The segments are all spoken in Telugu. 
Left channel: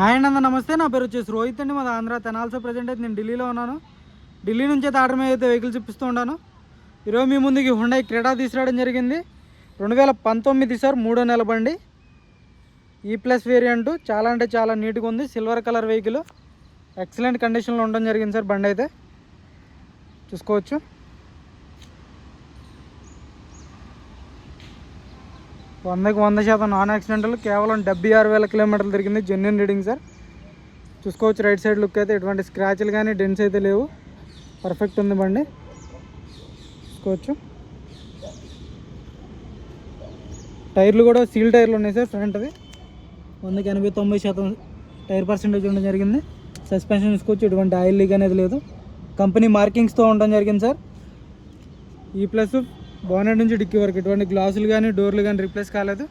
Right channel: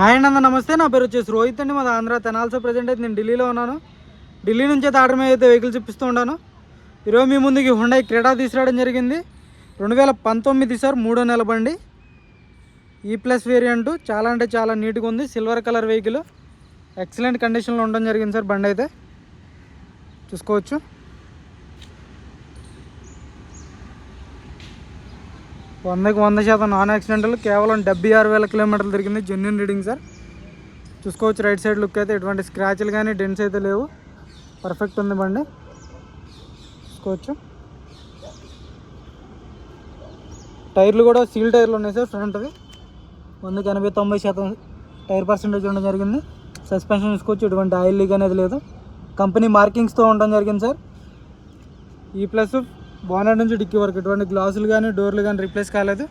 హాయ్ అండి అందరూ నమస్తే. నా పేరు వచ్చేసి రోహిత్ అండి. మాది ఆంధ్ర తెనాల్సో. ప్రజెంట్ అయితే నేను ఢిల్లీలో ఉన్నాను. ఢిల్లీ నుంచి అయితే ఆర్డర్ మీద అయితే వెహికల్స్ ఇప్పిస్తూ ఉంటాను. ఈరోజు మీ ముందుకి హుండై క్రెటా తీసుకురావడం జరిగింది. 2019 సార్, 3వ నెల బండి. E+ variant. చాలా అంటే చాలా నీట్గా ఉంది. సిల్వర్ కలర్ వెహికల్, ఎక్సలెంట్ కండిషన్లో ఉండడం జరిగింది సార్. బండి అయితే చూసుకోవచ్చు. వందకి 100% నాన్ యాక్సిడెంటల్. కేవలం 76,000 కిలోమీటర్లు తిరిగింది. Genuine reading sir. చూసుకోవచ్చు. రైట్ సైడ్ లుక్ అయితే ఎటువంటి స్క్రాచ్లు కానీ డెంట్స్ అయితే లేవు. పర్ఫెక్ట్ ఉంది బండి. చూసుకోవచ్చు. టైర్లు కూడా సీల్ టైర్లు ఉన్నాయి సార్. ఫ్రంట్ అవి 100కి 80-90% టైర్ పర్సెంటేజ్ ఉండడం జరిగింది. సస్పెన్షన్ చూసుకోవచ్చు. ఎటువంటి ఆయిల్ లీక్ అనేది లేదు. కంపెనీ మార్కింగ్స్తో ఉండడం జరిగింది సార్. E+ బానెట్ నుంచి డిక్కీ వరకు ఎటువంటి గ్లాసులు కానీ డోర్లు కానీ రీప్లేస్ కాలేదు.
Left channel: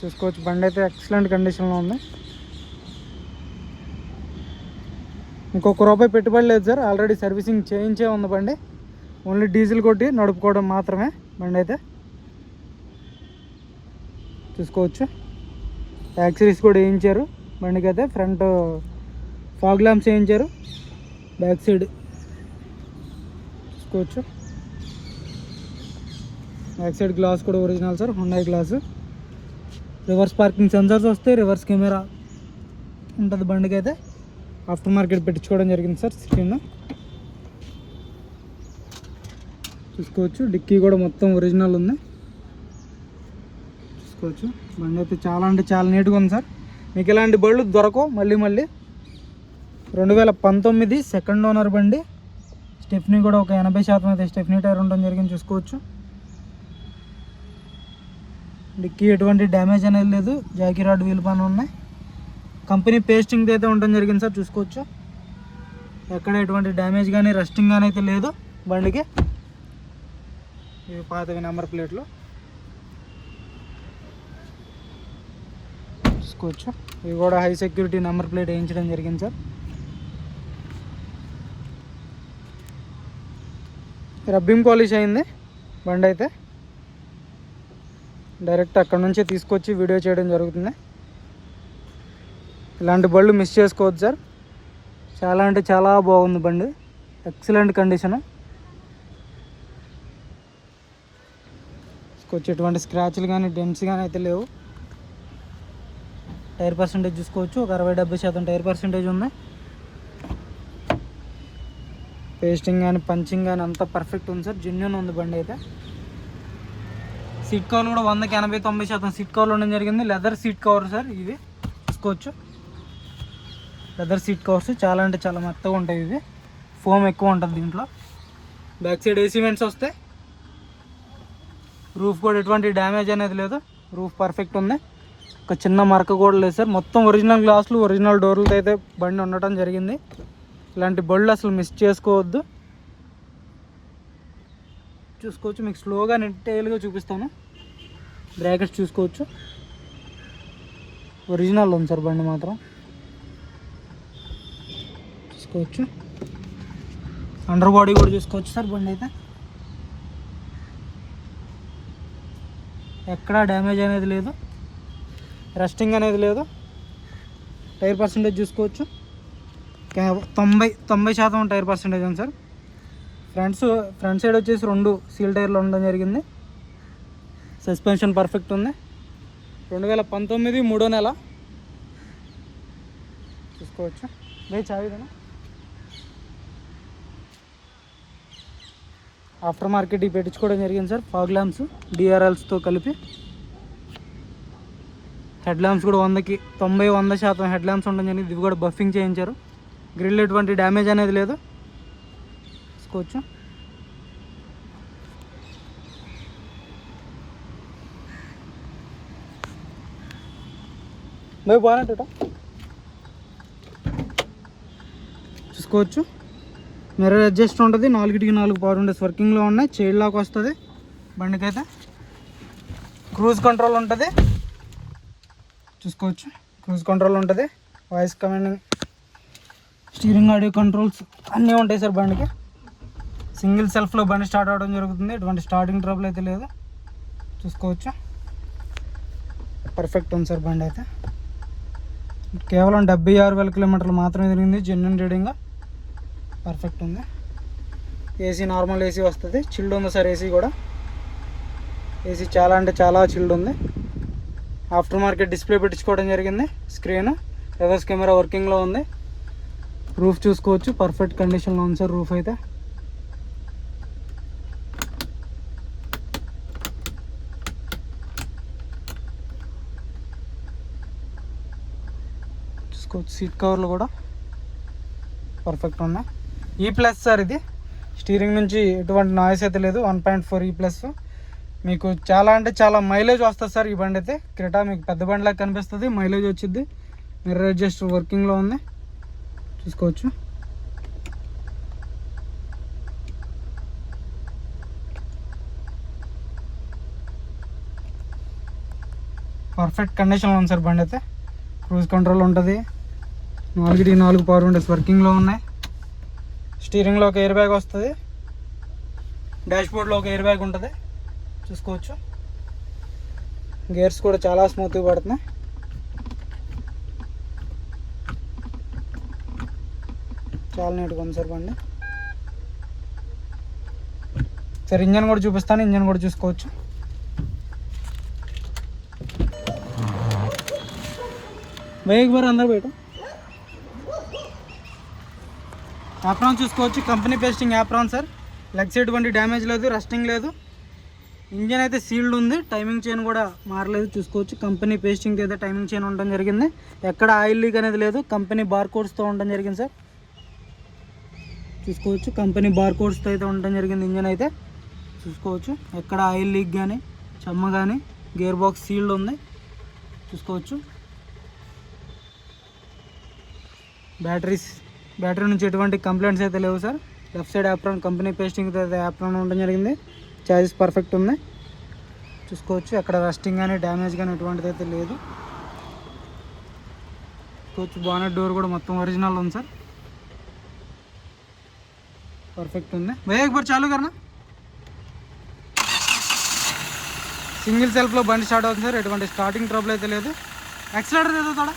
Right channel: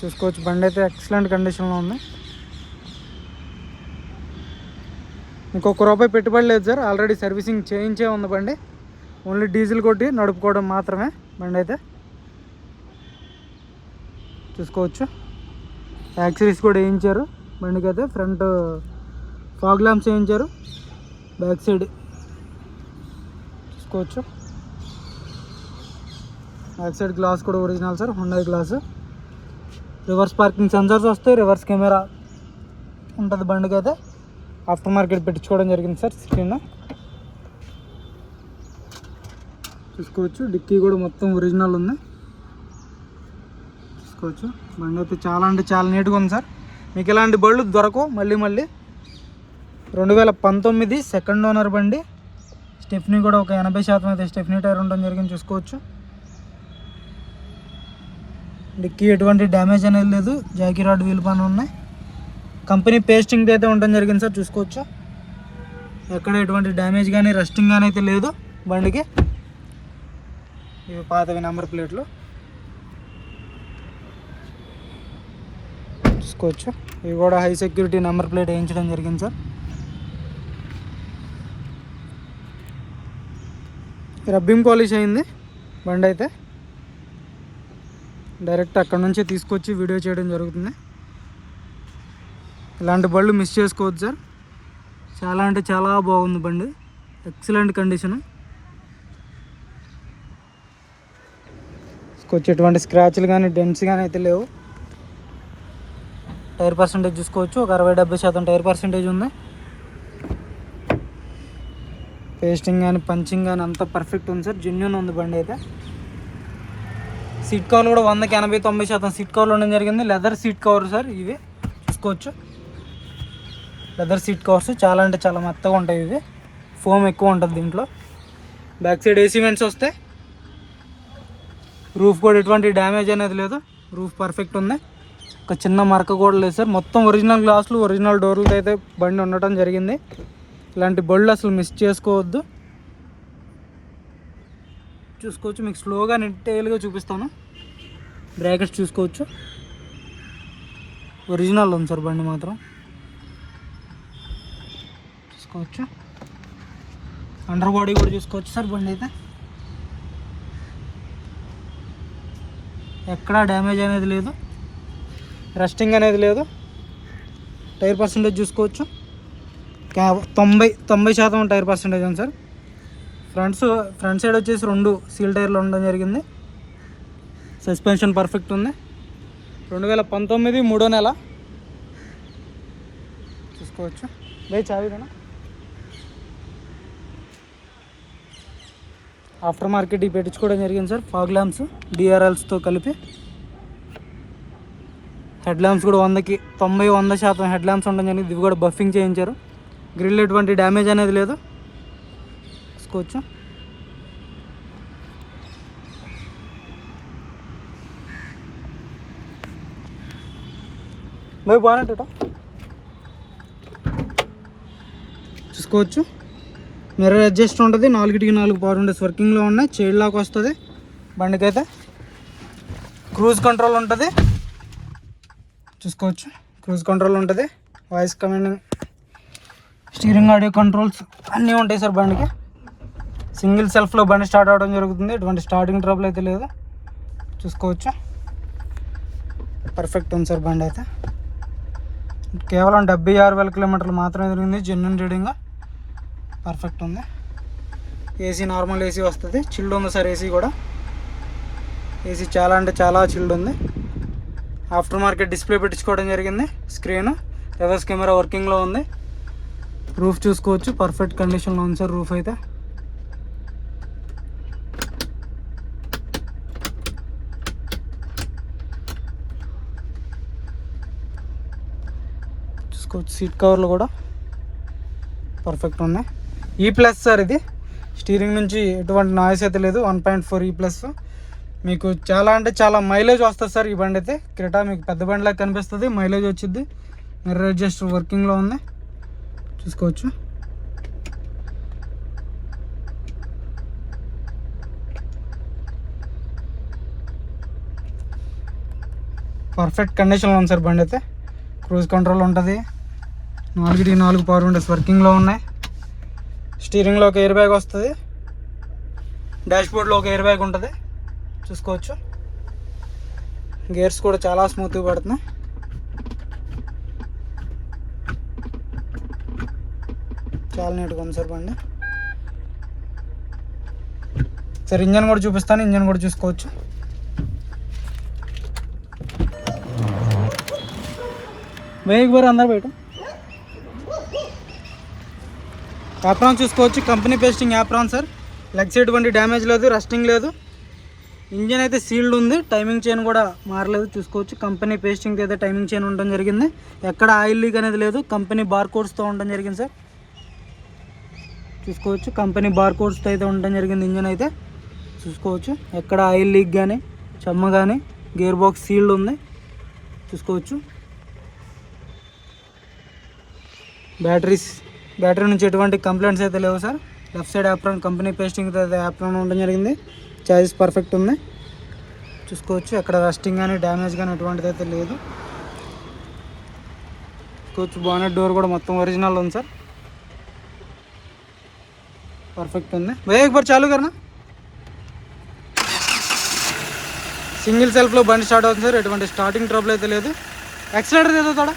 చూసుకోవచ్చు. బండి అయితే ఎక్సలెంట్ కండిషన్లో ఉంది. ఇంకొక రూపాయి పెట్టుబడి లేదు సార్. ఆల్రెడీ సర్వీసింగ్ చేయించే ఉంది బండి. ఓన్లీ డీజిల్ కొట్టి నడుపుకోవడం మాత్రమే బండి అయితే. చూసుకోవచ్చు. యాక్సరీస్ కూడా వేయించారు బండికి అయితే. ఫ్రంట్ ఫాగ్ ల్యాంప్స్ వేయించారు. బ్యాక్ సైడ్ చూసుకోవచ్చు. బ్యాక్ సైడ్ గ్లాస్ కూడా original sir. Hyundai glass. Reverse parking sensors వస్తాయి. రివర్స్ కెమెరా ఉంటుంది బండికి అయితే. ఆఫ్టర్ మార్కెట్ పెట్టించుకోవడం జరిగింది సార్. స్క్రీన్ చూసుకోవచ్చు. డిక్కీ కూడా మొత్తం ఒరిజినల్ ఉంది. చూసుకోవచ్చు. బండి అయితే చాలా అంటే చాలా నీట్గా ఉంది సార్. మీకు ఇలాంటి బళ్ళు దొరకవు మళ్ళీ. 2019 సెకండ్ ఓనర్ బండి. స్టెఫ్నీ కూడా ఒక 80% అయితే స్టెఫ్నీ టైర్ ఉండడం జరిగింది. చూసుకోవచ్చు. డిక్కీ ఎటువంటి డ్యామేజ్ అనేది లేదు. జాకీ రాడ్ వీల్ పని ఉన్నాయి. కంపెనీ పేస్టింగ్ అయితే ఉండడం జరిగింది సార్. చూసుకోవచ్చు. ఎక్కడ ఎటువంటి డ్యామేజ్ కానీ రస్టింగ్ కానీ అయితే లేదు బండికి. ఇవి పాతవి నెంబర్ ప్లేట్లు. చూసుకోవచ్చు. ఇవి కూడా హై సెక్యూరిటీ నెంబర్ ప్లేట్ వేయించడం జరిగింది సార్. రబ్బింగ్ పాలిష్ అయింది బండి అయితే. డైరెక్ట్ అక్కడ నుంచే తీసుకొచ్చి వీడియో చేయడం జరుగుతుంది. ఇలాంటి బళ్ళు మిస్ చేసుకోవద్దు సార్. చాలా అంటే చాలా బాగుంది బండి. Excellent condition. తీసుకొచ్చి ఎటువంటి స్క్రాచ్లు కానీ డెంట్స్ కానీ అయితే లేవు. టైర్ పర్సెంటేజ్ చూసుకోవచ్చు. ఒక 60-70% టైర్ పర్సెంటేజ్ ఉంది. పేస్టింగ్ కానీ పంచింగ్ కానీ అంతా పర్ఫెక్ట్ ఉంది సార్. జెన్యున్ ఉంది బండి అయితే. సీట్ కవర్లు కూడా 100కి 80-90% సీట్ కవర్లు ఉండడం జరిగింది. లెదర్ సీట్ కవర్ సార్ ఇవి. చూసుకోవచ్చు. లెదర్ సీట్ కవర్స్ చాలా అంటే చాలా మెత్తగా ఉంటాయి ఇవి. ఫోమ్ ఎక్కువ ఉంటుంది దీంట్లో. బ్యాక్ సైడ్ ఏసీ వెంట్స్ వస్తాయి. రూఫ్ కూడా ఎటువంటి డ్యామేజ్ అనేది లేదు. రూఫ్ పర్ఫెక్ట్ ఉంది. ఒక చిన్న మరక కూడా లేదు సార్. మొత్తం ఒరిజినల్ గ్లాసులు ఒరిజినల్ డోర్లతో అయితే బండి ఉండటం జరిగింది. ఇలాంటి బళ్ళు అసలు మిస్ చేసుకోవద్దు. చూసుకోవచ్చు. మీకు స్లోగా డీటెయిల్గా చూపిస్తాను. బ్రాకెట్స్ చూసుకోవచ్చు. ఒరిజినల్ ఉంది సార్ బండి మాత్రం. చూసుకోవచ్చు. అండర్ బాడీ కూడా చూసుకోవచ్చు సార్. బండి అయితే ఎక్కడా డ్యామేజ్ అనేది లేదు. రస్టింగ్ అనేది లేదు. టైర్ పర్సెంటేజ్ చూసుకోవచ్చు. 90% టైర్ పర్సెంటేజ్ ఉంది సార్. ఫ్రంట్ సైడ్ వచ్చేసి 2 సీల్ టైర్లు ఉండడం జరిగింది. సస్పెన్షన్ పర్ఫెక్ట్ ఉంది. 2019 3వ నెల. చూసుకోవచ్చు. చావిదేనా. ఆఫ్టర్ మార్కెట్ ఇవి పెట్టించుకోవడం జరిగింది సార్. ఫాగ్ ల్యాంప్స్ DRLస్తో కలిపి. హెడ్ ల్యాంప్స్ కూడా 100కి 90-100% హెడ్ ల్యాంప్స్ ఉండడం జరిగింది. ఇవి కూడా బఫింగ్ చేయించారు. గ్రిల్ ఎటువంటి డ్యామేజ్ అనేది లేదు. చూసుకోవచ్చు. బాగుంటుంది. చూసుకోవచ్చు. మిర్రర్ అడ్జస్ట్ ఉంటుంది. 4కి 4 పవర్ విండోస్ వర్కింగ్లో ఉన్నాయి. చైల్డ్ లాక్ వస్తుంది బండికి అయితే. క్రూజ్ కంట్రోల్ ఉంటుంది. చూసుకోవచ్చు. క్రూజ్ కంట్రోల్ ఉంటుంది. Voice commanding, steering, audio controls అన్నీ ఉంటాయి సార్ బండికి. సింగిల్ సెల్ఫ్లో బండి స్టార్ట్ అవ్వడం జరుగుతుంది. ఎటువంటి స్టార్టింగ్ ట్రబుల్ అయితే లేదు. చూసుకోవచ్చు. పర్ఫెక్ట్ ఉంది సార్ బండి అయితే. కేవలం 76,000 కిలోమీటర్లు మాత్రమే తిరిగింది. జెన్యున్ రీడింగ్ పర్ఫెక్ట్ ఉంది. ఏసీ నార్మల్ ఏసీ వస్తుంది. చిల్డ్ ఉంది సార్ ఏసీ కూడా. ఏసీ చాలా అంటే చాలా చిల్డ్ ఉంది. ఆఫ్టర్ మార్కెట్ డిస్ప్లే పెట్టించుకోవడం జరిగింది. స్క్రీన్, రివర్స్ కెమెరా వర్కింగ్లో ఉంది. రూఫ్ చూసుకోవచ్చు, పర్ఫెక్ట్ కండిషన్లో ఉంది సార్ రూఫ్ అయితే. చూసుకోవచ్చు, సీట్ కవర్లు కూడా పర్ఫెక్ట్ ఉన్నాయి. E+ సార్ ఇది. స్టీరింగ్ నుంచి ఎటువంటి నాయిస్ అయితే లేదు. 1.4 E+. మీకు చాలా అంటే చాలా మైలేజ్ వస్తుంది సార్ ఈ బండి అయితే. క్రెటా మీకు పెద్ద బండిలాగా కనిపిస్తుంది, మైలేజ్ వచ్చింది. మిర్రర్ అడ్జస్ట్ వర్కింగ్లో ఉంది, చూసుకోవచ్చు. పర్ఫెక్ట్ కండిషన్లో ఉంది సార్ బండి అయితే. క్రూజ్ కంట్రోల్ ఉంటుంది. 4 పవర్ విండోస్ వర్కింగ్లో ఉన్నాయి. స్టీరింగ్లో ఒక ఎయిర్ బ్యాగ్ వస్తుంది. డాష్బోర్డ్లో ఒక ఎయిర్ బ్యాగ్ ఉంటుంది, చూసుకోవచ్చు. గేర్స్ కూడా చాలా స్మూత్గా పడుతున్నాయి. చాలా నీట్గా ఉంది సార్ బండి. సార్ ఇంజన్ కూడా చూపిస్తాను, ఇంజన్ కూడా చూసుకోవచ్చు. బ్రేక్ బర్ అందరూ బయట. యాప్రాన్ చూసుకోవచ్చు, company pasting apron sir. Leg side బండి డ్యామేజ్ లేదు, రస్టింగ్ లేదు. ఇంజన్ అయితే సీల్డ్ ఉంది. టైమింగ్ చైన్ కూడా మారలేదు, చూసుకోవచ్చు. కంపెనీ పేస్టింగ్ అయితే టైమింగ్ చైన్ ఉండడం జరిగింది. ఎక్కడ ఆయిల్ లీక్ అనేది లేదు. కంపెనీ బార్ కోడ్స్తో ఉండడం జరిగింది సార్, చూసుకోవచ్చు. కంపెనీ బార్ కోడ్స్తో అయితే ఉండడం జరిగింది ఇంజన్ అయితే, చూసుకోవచ్చు. ఎక్కడ ఆయిల్ లీక్ కానీ చెమ్మ కానీ. గేర్ బాక్స్ సీల్డ్ ఉంది, చూసుకోవచ్చు. బ్యాటరీ నుంచి ఎటువంటి కంప్లైంట్స్ అయితే లేవు sir. Left side apron company pasting అయితే యాప్రాన్ ఉండడం జరిగింది. చాయిస్ పర్ఫెక్ట్ ఉంది, చూసుకోవచ్చు. ఎక్కడ రస్టింగ్ కానీ డ్యామేజ్ కానీ ఎటువంటిది అయితే లేదు, చూసుకోవచ్చు. బానెట్ డోర్ కూడా మొత్తం ఒరిజినల్ ఉంది సార్, పర్ఫెక్ట్ ఉంది. వేగ పర్ చాలు కరనా. సింగిల్ సెల్ఫ్లో బండి స్టార్ట్ అవుతుంది సార్. ఎటువంటి స్టార్టింగ్ ట్రబుల్ అయితే లేదు. యాక్సిలేటర్ ఏదో తోడా.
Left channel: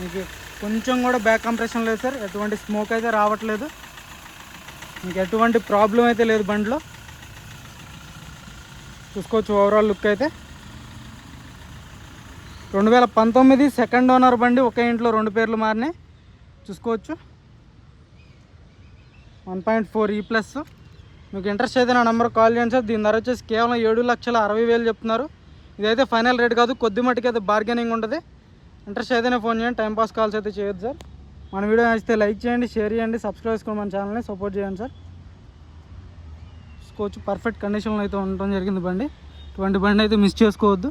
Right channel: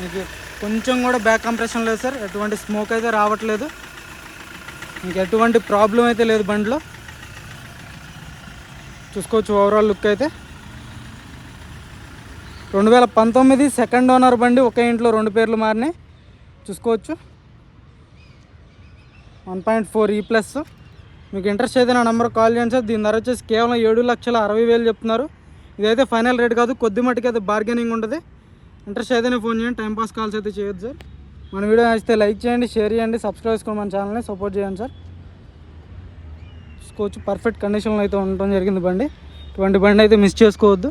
మీకు కొంచెం కూడా బ్యాక్ కంప్రెషన్ లేదు సార్. ఎటువంటి స్మోక్ అయితే రావట్లేదు. మీకు ఎటువంటి ప్రాబ్లం అయితే లేదు బండిలో, చూసుకోవచ్చు. ఓవరాల్ లుక్ అయితే 2019 సెకండ్ ఓనర్ బండి. ఒక ఇంట్లో 2 పేర్లు మారినాయి, చూసుకోవచ్చు. 1.4 E+. మీకు ఇంట్రెస్ట్ అయితే నా నెంబర్ కాల్ చేయండి సార్. దీని ధర వచ్చేసి కేవలం 7,60,000 చెప్తున్నారు. ఇదైతే ఫైనల్ రేట్ కాదు, కొద్ది మట్టుకు అయితే బార్గెనింగ్ ఉంటుంది. ఇంట్రెస్ట్ అయితేనే ఫోన్ చేయండి, టైంపాస్ కాల్స్ అయితే చేయొద్దు సార్. మన వీడియో నచ్చితే లైక్ చేయండి, షేర్ చేయండి, సబ్స్క్రైబ్ చేసుకోండి, మన ఛానల్ని సపోర్ట్ చేయండి సార్. చూసుకోవచ్చు, పర్ఫెక్ట్ కండిషన్లో అయితే ఉండటం జరిగింది బండి. ఇటువంటి బండి అయితే మిస్ చేసుకోవద్దు.